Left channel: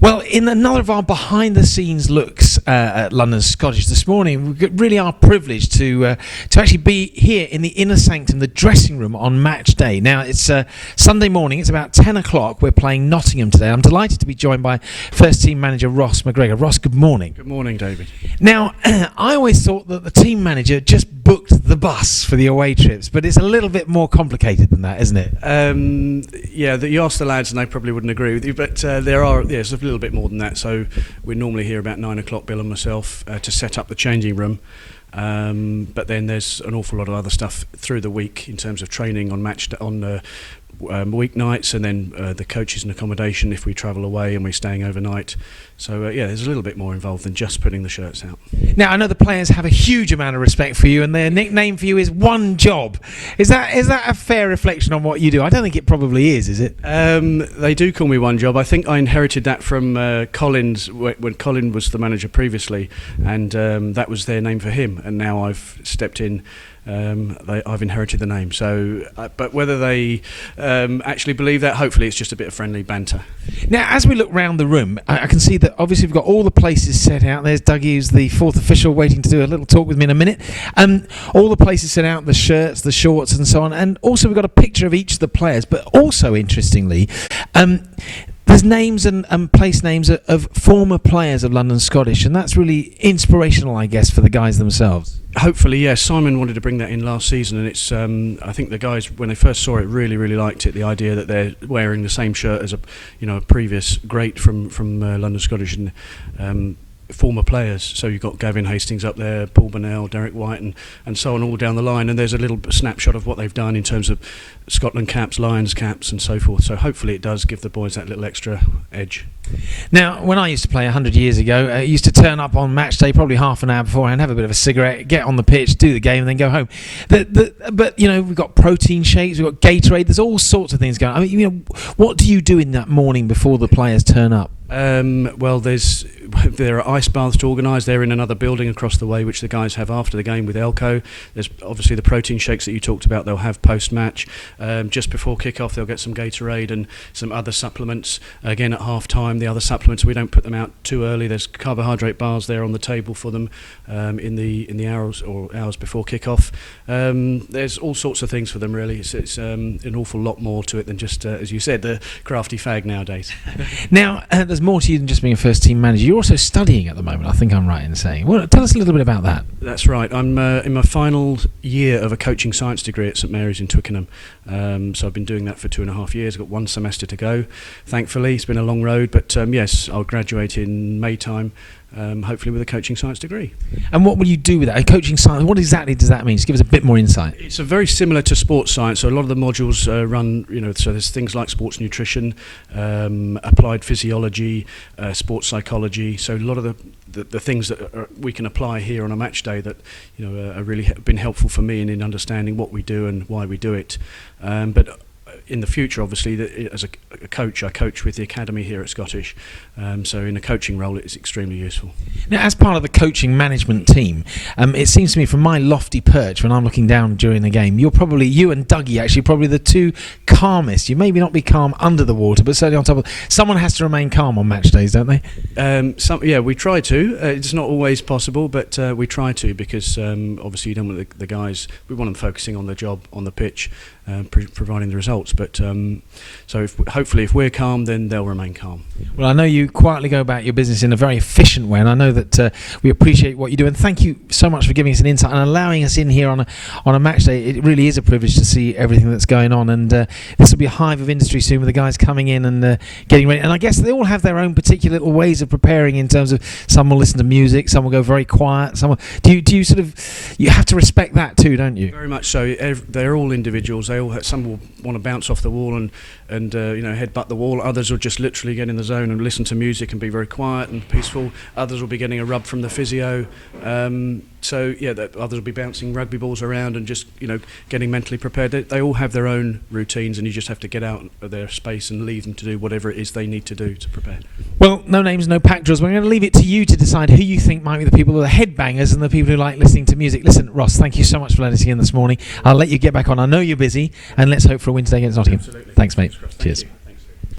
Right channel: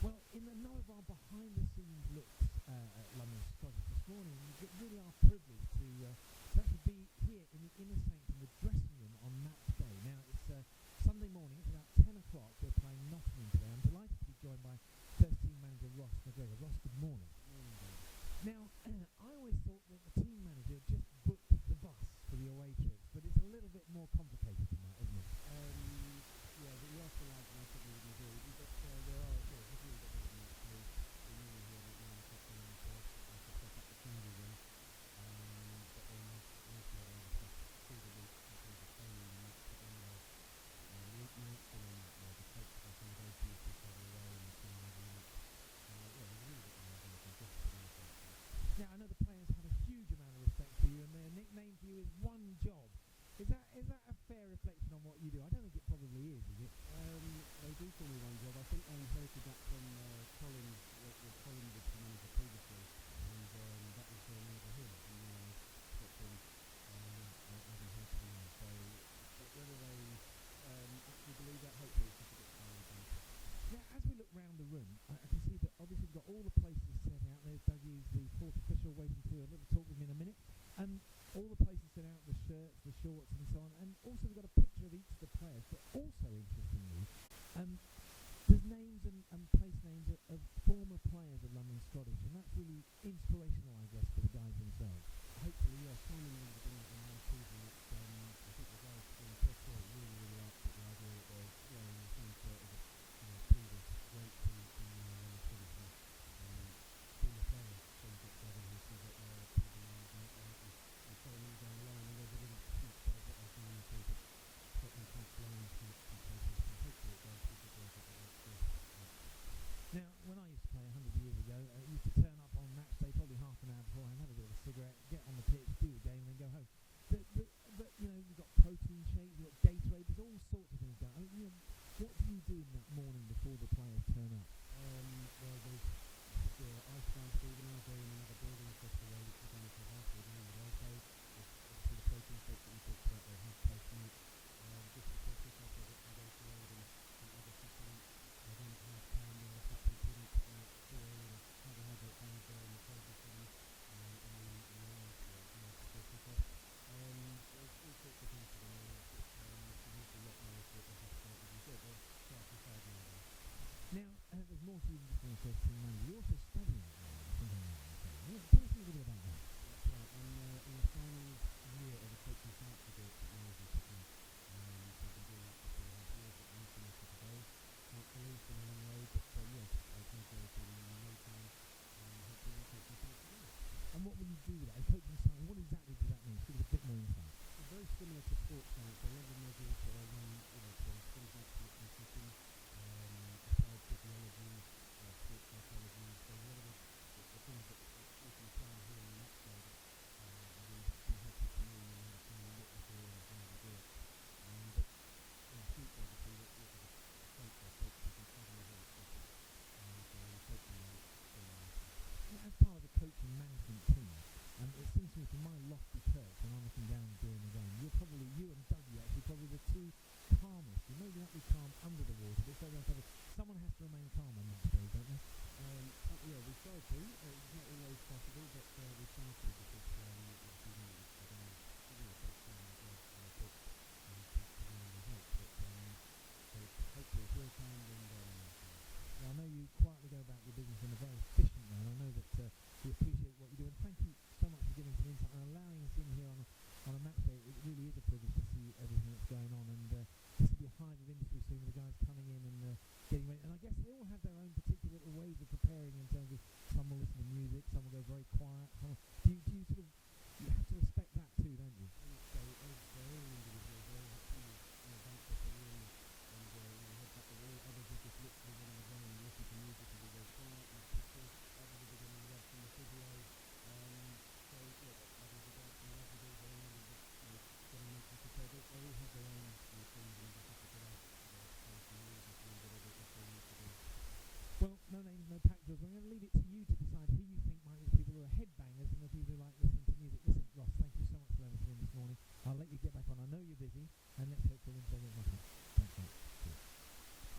Well, in another of our behind-the-scenes looks at London Scottish this morning, we really are privileged to actually be here in the inner sanctum, the dressing room on match day. Now, it's Sunday morning. It's about 10 o'clock. We're playing Nottingham today. I'm delighted to be joined by first-team manager Ross MacGregor. Ross, good morning. Good morning, David. Now, I always thought that the team manager just booked the bus for the away trips, but it's a little bit more complicated than that, isn't it? You ask the lads and they probably wouldn't agree with you, but it's a little bit more than that. So we're normally here about 9 o'clock, Bill and myself, to set up the changing room. But then there's an awful lot of other stuff through the week in terms of training on weeknights, and then the coaches and accommodation if we travel away and we're staying overnight. So there's a little bit more involved than just putting the shirts out. Now, I know the players have a huge amount of respect for you, and their nickname for you is One Job. Is that a fair reflection on what you do? I don't think it probably is it? They do call me One Job. I think I inherited that from Collins when Colin was the manager previously, and that was their name for him, and now I've stepped in. I've inherited the name. So, but whether they actually believe that, hopefully it's just a bit of friendly banter. Now, as we look round the room, I can see that obviously we've got all the places set out. There's Dougie, who's the fourth official, waiting to do a little talk with me in a minute. All the places set out, the shirts, the shorts and so on. And also we've got a picture of each of the players. But also, interestingly, there's names and place names of former players of London Scottish, and that's really inspirational, I guess, for the guys themselves. Hopefully, yes. Simon wanted to bring that in last season, and it's. I think the guys, when they first saw it, really, really liked it. The idea that they're wearing the same shirt as a previous great from London Scottish and former players. So you've got Gavin Hastings up there, Paul Burnell, Derek White, and so on all down the line. And there's a little snapshot of what they've done in terms of Scotland caps, Lions caps, and so forth. So hopefully it does give the boys that little extra edge. Now, when I used to play 100 years ago, I used to turn up on match day probably half an hour beforehand, have a bit of a cigarette, get on the pitch, do the game, and then go home. But we've got protein shakes, we've got Gatorade, there's all sorts of things going on. I mean, what do you do in that morning before the players turn up? There are ice baths to organise. They're in another building across the way, which the guys have after the game with Elco. There's obviously the protein shakes that you talked about. They'll have post-match. Just before kick-off, they'll get some Gatorade and some other supplements. Again, at half-time, the other supplements, we don't put them out too early. There's carbohydrate bars there on the table for them in the hours before kick-off. There's all sorts of things for them, really. It's an awful lot more to it than just, as you said, the crafty fag nowadays. Now, there's more to you than just being a first-team manager. You're also studying at the moment, I think I'm right in saying. Well, tell us a little bit about that. That's right. I'm in my final year of a coaching science degree at St Mary's in Twickenham. So I've been doing that for 2.5 years. I've got one semester to go, thankfully. It's been a long road, but yes, I'll graduate in May time. Hopefully with a coaching science degree. And what will you do with that? A coaching science, what exactly does that mean? Just give us a bit more insight. It's very similar to sports science. So a lot of the modules run, so there's things like sports nutrition, applied physiology, sports psychology. So a lot of the things that we can apply here on a match day that are really been helpful for me in understanding what we do and why we do it. But in the future, obviously, as a coach, I coach with the academy here at Scottish. So in a coaching role, it is extremely useful. Now, as part of the coaching management team, it seems to me from my lofty perch when I'm looking down during the game, you and Dougie actually probably the two calmest. You maybe not be calm under the water, but certainly on top of. Someone has to remain calm on match days, don't they? We try to. It's not always possible, but we try to because obviously you don't want the guys. We want them focusing on their job on the pitch, providing the results. But so hopefully if we're calm, then they'll remain calm. Well, I know you quietly go about your business in a very efficient way, and I know that we appreciate what you do, and thank you so much for giving us an insight and allowing us in here on a match day. It really is a privilege to see everything that's going on, and this will be a hive of industry soon with the guys coming in and getting ready. And I guess they all have their own particular little ways of preparing in terms of some will listen to music, some will go very quiet. Do you sort of you have to respect that too, don't you? Very much so. They're all individuals. Some will want to bounce off the wall and headbutt the wall. Others will just literally get in the zone and listen to music and be very quiet and peaceful. Others will be getting a rub from the physio. Others will be bouncing rugby balls around and just getting mentally prepared. They all have their own routines, and you just have to get out of their space and leave them to do whatever it is they need to do to prepare. Well, no names, no pack drills. We're going to leave it to you to decide who you think might be the people who are the headbangers and the people who like listening to music. Listen, Ross, thank you so much for letting us in this morning. I'll let you get back on. I know you're busy, and let's hope for a win today against Nottingham. Absolutely. Thanks, mate. Cheers.